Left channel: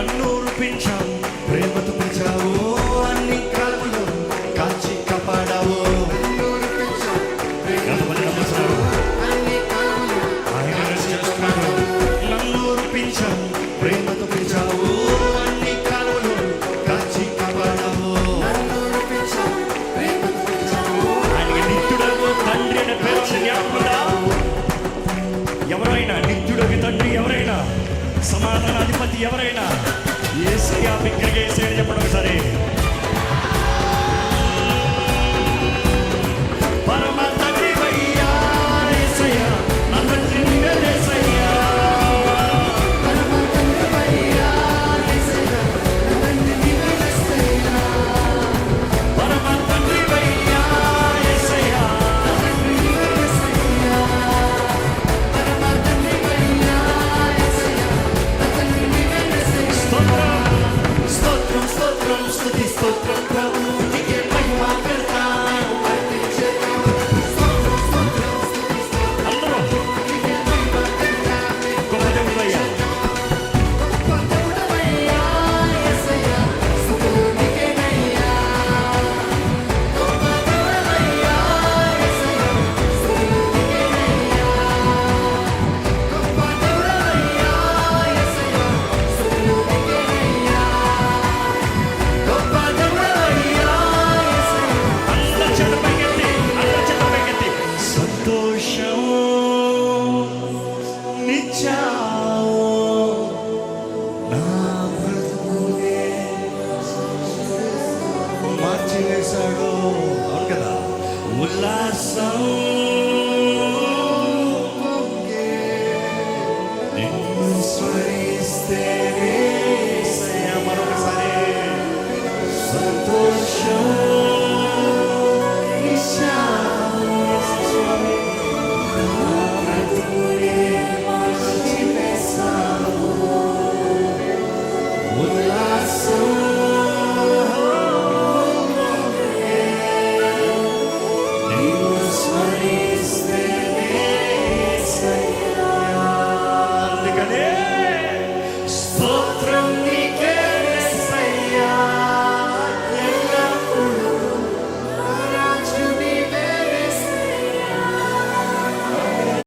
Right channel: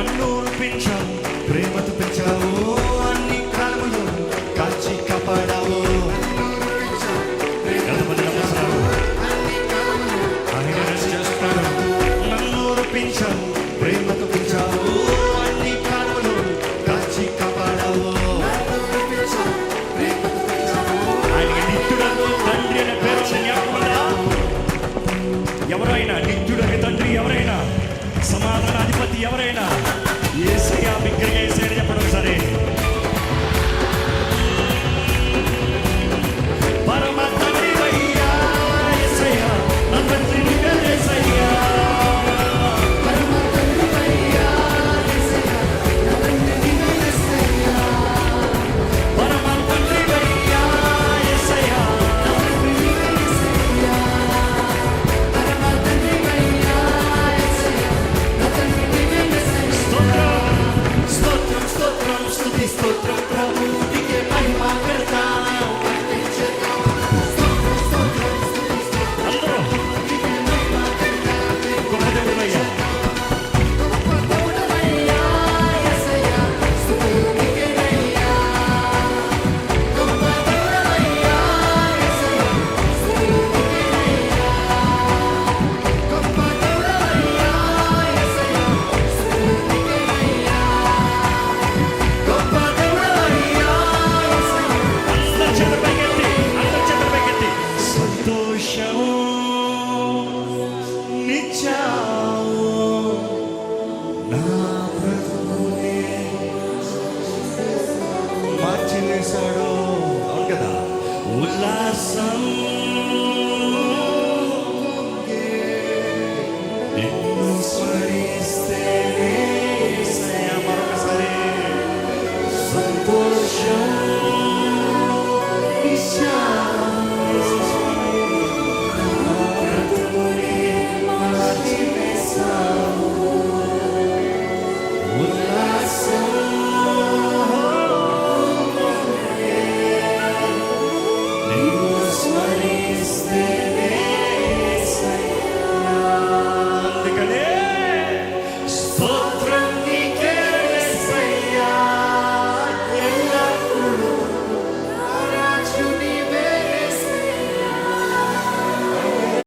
నన్ను రూపించావు, ప్రేమతో పిలిచావు, అన్ని కాలములో కాచి కాపాడావు. ఎంతమంది నమ్ముతున్నారు? ఆయన చేస్తున్నాడు. నన్ను రూపించావు, ప్రేమతో పిలిచావు, అన్ని కాలములో కాచి కాపాడావు. ఆయనకి నిత్యుడకు తండ్రి అనే పేరు జ్ఞాపకముందా? ఎవరైనా నిత్యుడకు తండ్రి, ఎవరైనా సమాధానాధిపతి, ఎవరైనా యేసయ్య. బిగ్గరగా యేసయ్య చెప్పండి ఒకసారి. పరమ తండ్రి వయ్యా యేసయ్య, నా తండ్రి నీవే యేసయ్య. పరమ తండ్రి వయ్యా యేసయ్య, నా తండ్రి నీవే యేసయ్య. పరమ తండ్రి వయ్యా యేసయ్య, నా తండ్రి నీవే యేసయ్య. పరమ తండ్రి వయ్యా యేసయ్య, నా తండ్రి నీవే యేసయ్య. స్తోత్రం స్తోత్రం స్తోత్రం స్తుతి స్తోత్రం ప్రభు నీకే మహిమ కర్తా. గొప్ప దేవుడవయ్యా, గొప్ప దేవుడవయ్యా యేసయ్య, స్తుతులు నీకేనయ్యా. గొప్ప దేవుడవయ్యా యేసయ్య, స్తుతులు నీకేనయ్యా. గొప్ప దేవుడవయ్యా యేసయ్య, స్తుతులు నీకేనయ్యా. గొప్ప దేవుడవయ్యా యేసయ్య. అందరి చేతుల పైకెత్తి, అందరి చేతుల పైకెత్తి. సంతోషం నిచ్చావు నా బ్రతుకునే మార్చివేశాడు. అవును కదా. ఉల్లాసం నిన్ను స్మరిస్తేనే యేసయ్య. మరొకసారి సంతోషం నిచ్చావు యేసు స్వామి, నా బ్రతుకునే మార్చివేశావు. ఉల్లాసం నిన్ను స్మరిస్తేనే యేసయ్య. అందుకనే స్తోత్రం